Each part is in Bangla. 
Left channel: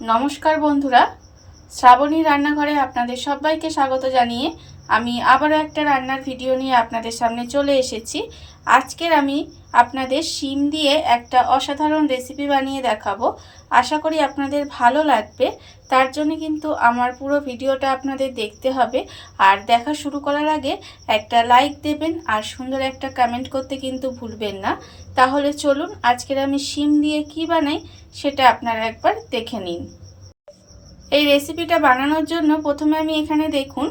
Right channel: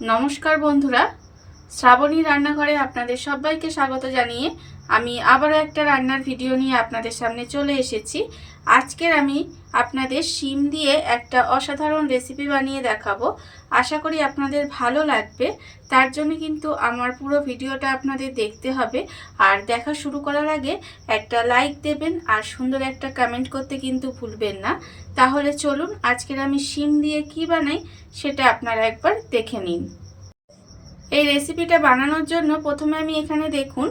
নমস্কার বন্ধুরা, শ্রাবণী রান্নাঘরে আপনাদের সবাইকে স্বাগত জানিয়ে আমি আবারও একটা রান্নার ভিডিও নিয়ে আপনাদের সামনে চলে এসেছি। আজকের আমি আপনাদের শিম দিয়ে একটা অসাধারণ রেসিপি বানিয়ে দেখাবো। আশা করি আপনাদের ভালো লাগবে। তার জন্য কিন্তু আমার পুরো ভিডিওটা আপনাদের দেখতে হবে। আর দেখা শুরু করার আগে একটা লাইক দেবেন আর সুন্দর একটা কমেন্ট করতে কিন্তু ভুলবেন না। তাহলে চলুন আজকের আমি শিম দিয়ে কি বানাই সেটা আপনারা একবার দেখে নিন। এই রেসিপিটা বানানোর জন্য প্রথমে আমি এখানে দেখুন,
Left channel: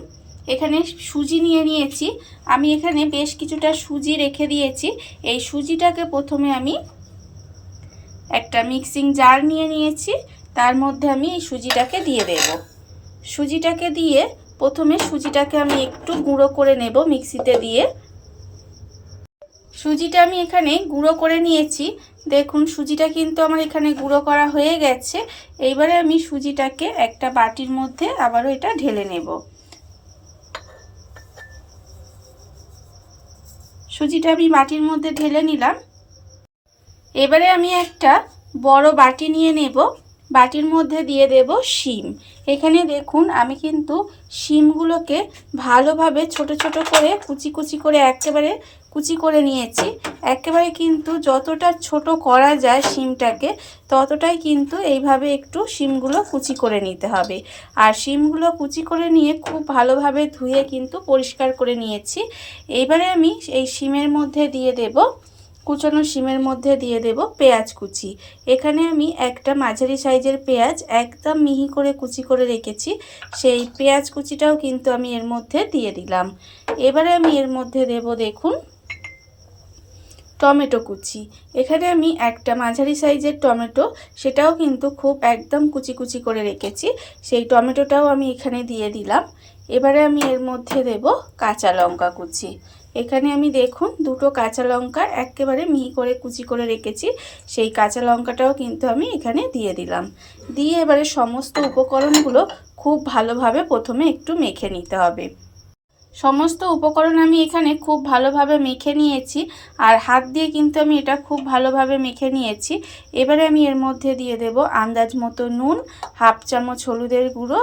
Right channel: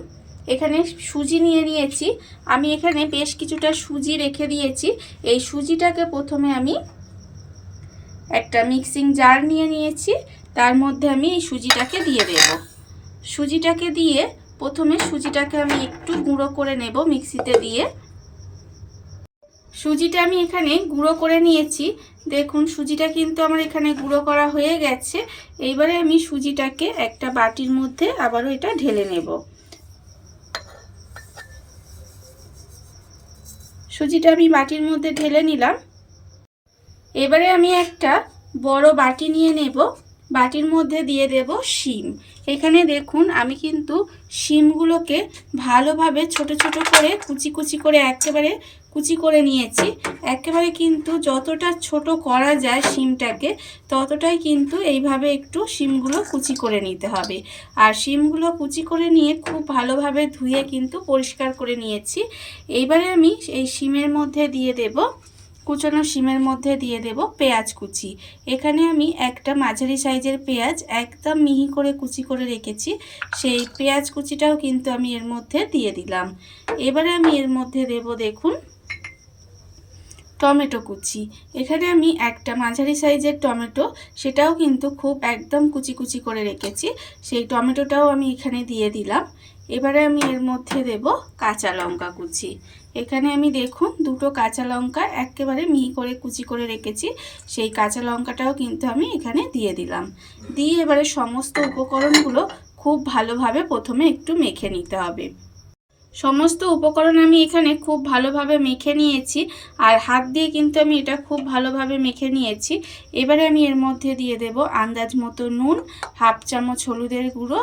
এখানে সুজি নিয়ে নিয়েছি। আমি এখানে বেশ কিছুটা সুজি রেখে দিয়েছি। এই সুজিটাকে প্রথমে আমি একটা মিক্সিং জার নিয়ে নিয়েছি, তার মধ্যে আমি এই সুজিটাকে দিয়ে দেব। সুজিটাকে দিয়ে প্রথমে সুজিটাকে আমি একটু গুঁড়ো করে নেব মিক্সিতে দিয়ে। সুজিটা আমি এখানে গুঁড়ো করে নিয়েছি। দেখুন সুজিটা কিন্তু আমার এখানে গুঁড়ো করা হয়ে গেছে। এইবারে আমি সুজিটাকে একটা বাটির মধ্যে আবারও এটা ঢেলে নেব। সুজিটা আমি বাটির মধ্যে ঢেলে নিলাম। এবারে আমি একটা বড় বাটি নিয়ে নেব। বাটির মধ্যে দিয়ে দেব শিম। এখানে দেখুন আমি কিন্তু শিমগুলোকে ভালোভাবে ছোট ছোট করে কুচি কুচি করে একেবারে কুচি করে নিয়েছি। একেবারে কিন্তু যতটা ছোট করা যায় শিমটাকে ততটাই কিন্তু এইভাবে একটু শিমগুলো কুচি করে নিতে হবে। আর শিমগুলো কুচি করে নিয়ে খুব ভালোভাবে ধুয়ে কিন্তু পরিষ্কার করে নিয়েছি। এইবারে আমি এই শিমের মধ্যে দিয়ে দেব, কুচানো শিমের মধ্যে দিয়ে দেব পেঁয়াজ কুচি। এখানে আমি একটা মাঝারি সাইজের পেঁয়াজ একদম মিহি করে কুচি করে রেখেছি, সেই পেঁয়াজ কুচিটাও কিন্তু আমি এর মধ্যে দিয়ে দিলাম। এবারে আমি এর মধ্যে দেব দেখুন টমেটো কুচি। এখানে আমি একটা মাঝারি সাইজের টমেটো, সেটাও কিন্তু খুব একদম কুচি কুচি করে রেখেছি, সেই টমেটোটাও আমি এখানে দিয়ে দিলাম। এবারে আমি এর মধ্যে দেব কাঁচা লঙ্কা কুচি। এখানে আমি দেখুন দুটো কাঁচা লঙ্কা একেবারে মিহি করে কুচি করে রেখেছি, সেই কাঁচা লঙ্কাটাও কিন্তু আমি এখানে দিয়ে দিলাম। দিয়ে এবারে সমস্ত উপকরণগুলো খুব ভালোভাবে প্রথমে একটু মেখে নিতে হবে। সমস্ত উপকরণ আমি এখানে খুব ভালোভাবে মেখে নিয়েছি, আর হাত দিয়ে কিন্তু আমি এটা খুব ভালোভাবে মেখে নিয়েছি। এবারে আমি এর মধ্যে দিয়ে দেব আন্দাজ মতো নুন, হাফ চামচ হলুদের গুঁড়ো,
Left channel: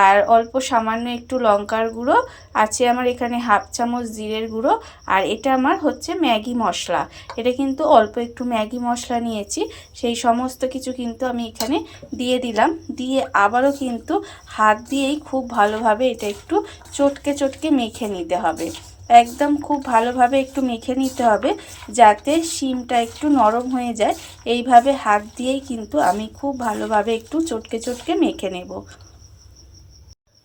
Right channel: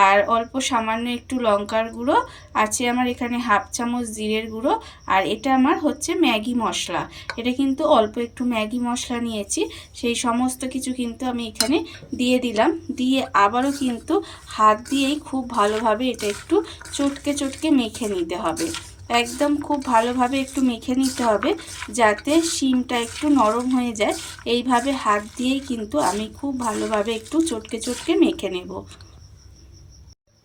আর অল্প সামান্য একটু লঙ্কার গুঁড়ো আছে আমার এখানে, হাফ চামচ জিরের গুঁড়ো, আর এটা আমার হচ্ছে ম্যাগি মশলা। এটা কিন্তু অল্প একটু ম্যাগি মশলা নিয়েছি, সেই সমস্ত কিছু কিন্তু আমি এখানে দিয়ে দিলাম। দিয়ে আবারও কিন্তু হাত দিয়েই খুব ভালোভাবে এটা একটু চটকে চটকে মেখে নিতে হবে। একদম খুব ভালোভাবে একটু মেখে নিতে হবে যাতে শিমটা একটু নরম হয়ে যায়। এইভাবে হাত দিয়েই কিন্তু আমি খুব ভালোভাবে একটু চটকে চটকে মেখে নেব।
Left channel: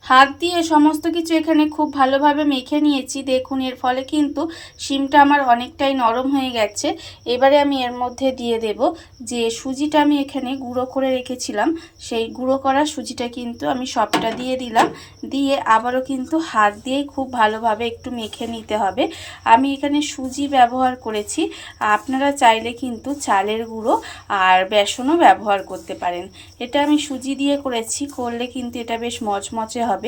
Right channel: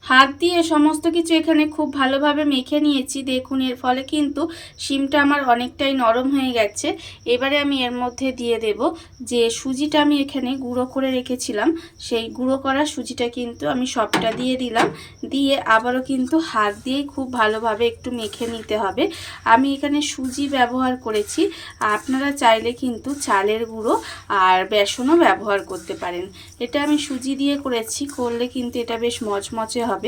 হাত দিয়ে সমস্ত কিছু এখানে খুব ভালোভাবে মেখে নিয়েছি। দেখুন এর ফলে কিন্তু শিমটা আমার অনেকটাই নরম হয়ে গেছে। এবারে আমি এর মধ্যে দিয়ে দেব যে সুজিটা আমি এখানে গুঁড়ো করে রেখেছিলাম, সেই গুঁড়ো করা সুজিটা কিন্তু আমি সবটা দিয়ে দিলাম। দিয়ে আবারও কিন্তু হাত দিয়েই খুব ভালোভাবে একটু মেখে নিতে হবে। আমি এখানে সুজি ব্যবহার করেছি, আপনারা চাইলে কিন্তু চালের গুঁড়ো আর বেসনও ব্যবহার করতে পারেন। এটা আমি সুজি দিয়ে করেছি, করলে কিন্তু এটা বেশ মচমচে হবে,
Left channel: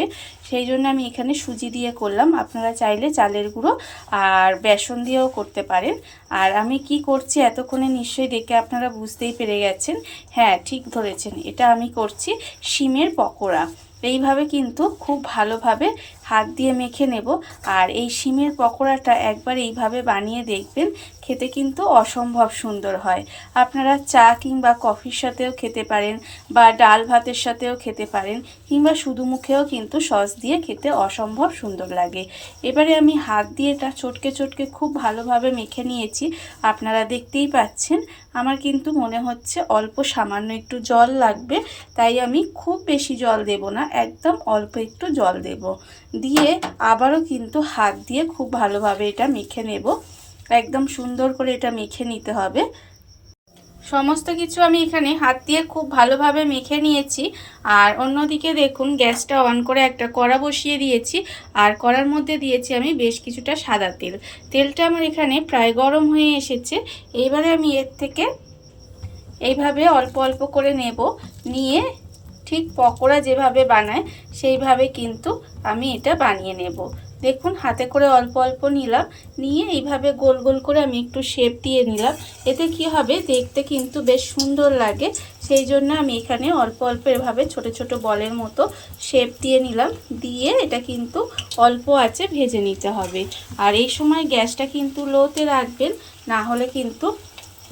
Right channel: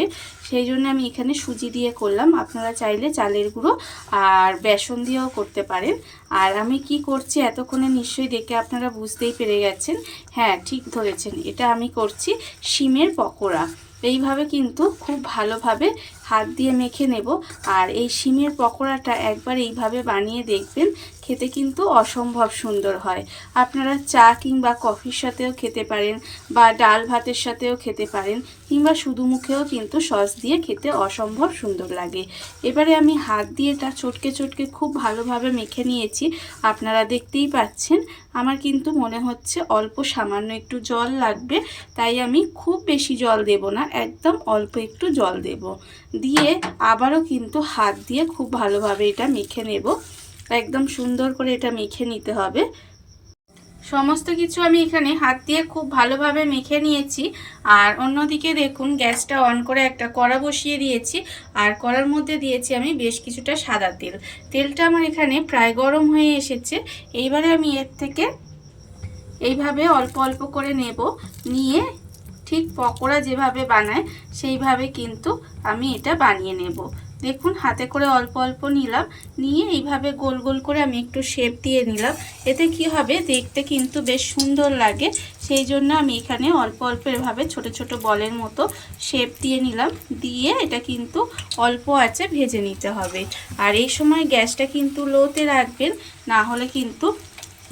সেই জন্য আমি এখানে সুজি দিয়ে করলাম। আপনারা চাইলে চালের গুঁড়ো আর বেসন দিয়েও করতে পারেন। আর আমি কি করছি এতক্ষণে নিশ্চয়ই দেখে আপনারা বুঝতেই পেরে গেছেন। হ্যাঁ, ঠিক ধরেছেন, এটা আমি করছি শিমের পকোড়া। এইভাবে কিন্তু খুব ভালোভাবে হাত দিয়ে মেখে নেব। আর এই শিমের পকোড়াটা একবার এইভাবে বানিয়ে দেখবেন, খেতে কিন্তু অসম্ভব সুন্দর হয়। আপনারা চা কিংবা কফির সাথেও খেতে পারেন, বা ডাল ভাতের সাথেও খেতে পারেন, কিংবা শুধু মুখেও কিন্তু সস দিয়ে খেতে অসম্ভব সুন্দর লাগে। এবারে আমি হাত দিয়ে এটা চটকে চটকে খুব ভালোভাবে মেখে নিয়েছি। আপনারা দেখতেই পাচ্ছেন আমার কিন্তু মনে হচ্ছে অল্প সামান্য একটু জল লাগবে, তাই আমি খুব বেশি জল দেব না, একদম অল্প একটু জল দেব। দিয়ে আবারও কিন্তু হাত দিয়ে খুব ভালোভাবে এটা মেখে নেব। একদম সুন্দর করে এটা মেখে নিতে হবে। সমস্ত কিছু আমি এখানে হাত দিয়ে খুব ভালোভাবে মেখে নিয়েছি। আর অন্যদিকে দেখুন গ্যাসটা অন করে একটা কড়া বসিয়ে দিয়েছি, আর কড়ার মধ্যে দিয়েছি আমি বেশ কিছুটা সাদা তেল। তেলটা আমার এখানে প্রায় গরম হয়ে এসেছে। এইবারে আমি এর থেকে এইভাবে অল্প অল্প করে নেব, নিয়ে ঠিক পকোড়া যেভাবে বানায় সেইভাবে কিন্তু আমি এটা বানিয়ে নেব। দেখুন হাতে করে অল্প অল্প নিলাম, নিয়ে এইভাবে গোল গোল করে আমি একটু শেপ দিয়ে নিলাম। এতে কি হবে, দেখতে কিন্তু বেশ সুন্দর লাগে। সেই জন্য আমি এখানে অল্প অল্প এভাবে ছোট ছোট বলের মতো শেপ দিয়ে নিলাম। দিয়ে এটা কিন্তু অল্প আঁচে ভেজে নিতে হবে। আর এই সময় গ্যাসটা কিন্তু লোতে রাখবেন, না হলে কিন্তু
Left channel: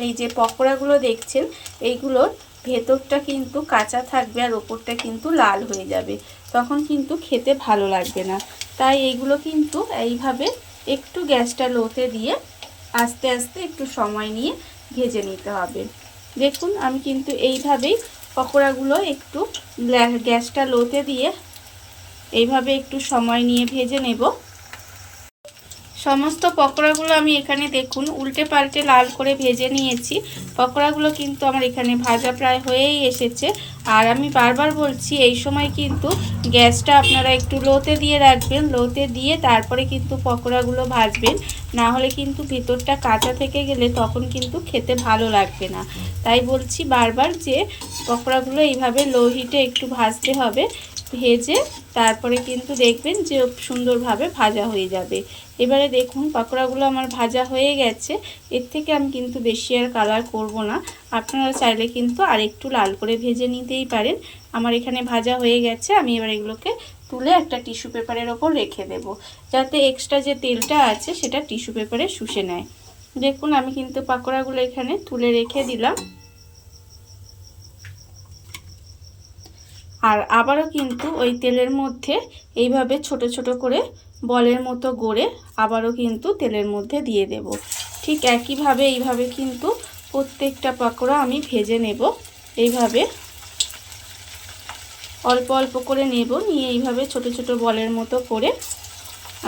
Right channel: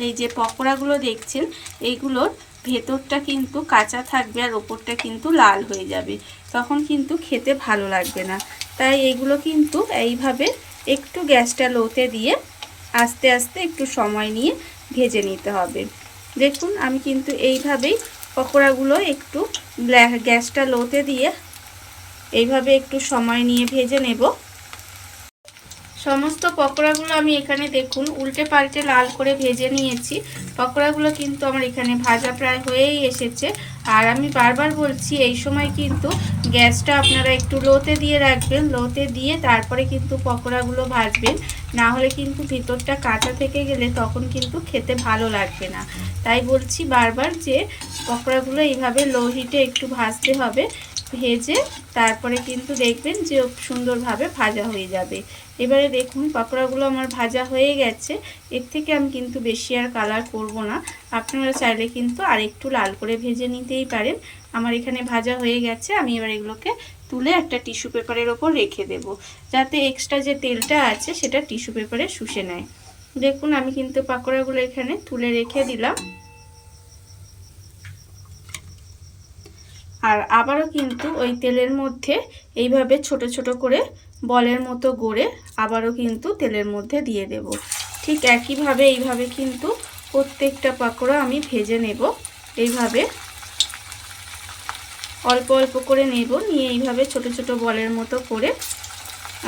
এই যে পকোড়াগুলো দেখছেন এইগুলোর ভেতরটা কিন্তু কাঁচা থাকবে আর ওপরটা কিন্তু লাল হয়ে যাবে, তখন কিন্তু খেতে ভালো লাগবে না। তাই এইগুলো কিন্তু এইভাবে একটু গ্যাসটা লোতে দিয়ে আস্তে আস্তে একটু সময় নিয়ে ভেজে নিতে হবে। দেখুন আমি কিন্তু এইভাবেই পকোড়াগুলো একটু গ্যাসটা লোতে দিয়ে এইভাবে একটু সময় নিয়ে ভেজে নেব। সমস্ত পকোড়াগুলো আমি এখানে দেখুন উল্টে পাল্টে লাল করে ভেজে নিয়েছি। পকোড়াগুলো কিন্তু আমার এখানে ভাজা প্রায় হয়েই এসেছে। আর আমি বারবার বলছি এই সময় কিন্তু গ্যাসটা আপনারা একটু লোতে দিয়ে রাখবেন, লোতে দিয়ে তারপরে কিন্তু পকোড়াগুলো ভাজবেন, না হলে কিন্তু ভিতরটা কাঁচা থেকে গেলে তখন কিন্তু খেতে ভালো লাগবে না। তাই বলছি বারবার যে পকোড়াগুলো এইভাবে লো হিটে একটু ভাজতে হবে, ভেজে তারপরে কিন্তু দেখবেন যে সুন্দরভাবে ভাজা হয়ে যাবে। এবারে দেখুন পকোড়াগুলো আমার ভাজা হয়ে গেছে। এর থেকে আমি কিন্তু বেশি আর কালার করব না, আপনারা চাইলে কিন্তু আর একটু লাল করে ভেজে নিতেই পারেন। আমার এখানে ভাজা হয়ে গেছে, আমি এবার এগুলোকে তুলে একটা টিস্যু পেপারের ওপর রেখে দেব, যাতে এক্সট্রা যে তেলটা আছে সেটা টিস্যু পেপারে শুষে নেয়। দেখুন আমি কিন্তু পকোড়াগুলো এখানে তুলে রেখে দিলাম। আর আবারও কিন্তু ওই তেলের মধ্যে এইভাবে ছোট ছোট করে বলের মতো গড়ে আবারও কিন্তু তেলের মধ্যে দিয়ে দেব। ঠিক একইভাবে এইভাবে কিন্তু প্রত্যেকটা পকোড়া আমি ভেজে নেব। এইভাবে অল্প অল্প করে নেব, নিয়ে এইভাবে ছোট ছোট বলের মতো করে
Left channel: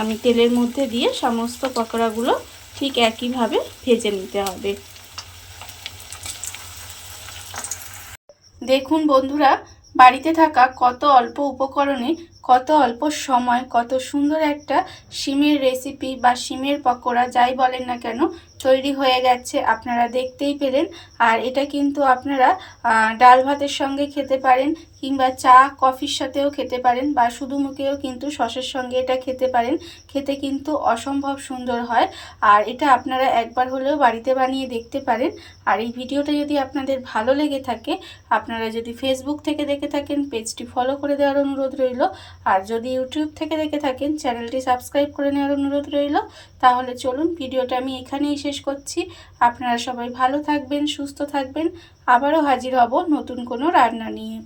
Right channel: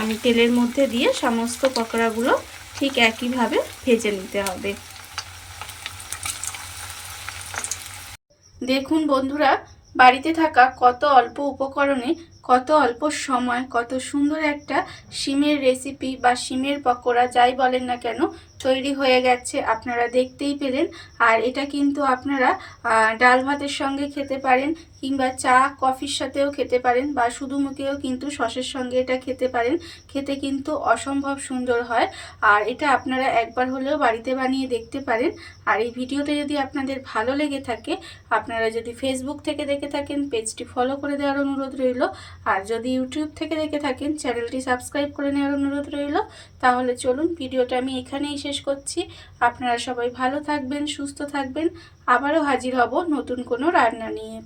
আমি তেলের মধ্যে দিয়ে সমস্ত পকোড়াগুলো ঠিক একইভাবে ভেজে নিতে হবে। দেখুন বন্ধুরা, বাড়িতে থাকা কত অল্প উপকরণে কত অল্প সময় কত সুন্দর একটা শিমের রেসিপি বা শিমের পকোড়া যাই বলেন না কেন তৈরি হয়ে গেছে, আপনারা দেখতেই পেলেন। আর এটা কিন্তু আপনারা ডাল ভাতের সঙ্গে খেতে পারেন, কিংবা চা কফির সাথেও খেতে পারেন, বা শুধু মুখেও কিন্তু সসের সঙ্গে এটা খেতে পারেন। খেতে কিন্তু অসম্ভব সুন্দর হয়। আর এটা আপনারা একবার হলেও বাড়িতে বানিয়ে দেখতে পারেন। আর এই ভিডিওটা যদি আপনাদের ভালো লেগে থাকে, আপনারা যদি ফেসবুক থেকে দেখে থাকেন পেজটি ফলো করে দেওয়ার অনুরোধ রইল। আর যদি ইউটিউব থেকে দেখে থাকেন চ্যানেলটি সাবস্ক্রাইব করে নেওয়ার অনুরোধ রইল। তাহলে চলুন ভিডিওটা আমি এখানেই শেষ করছি। আপনারা সবাই ভালো থাকবেন, সুস্থ থাকবেন। আবারও হাজির হব নতুন কোনো রান্না নিয়ে।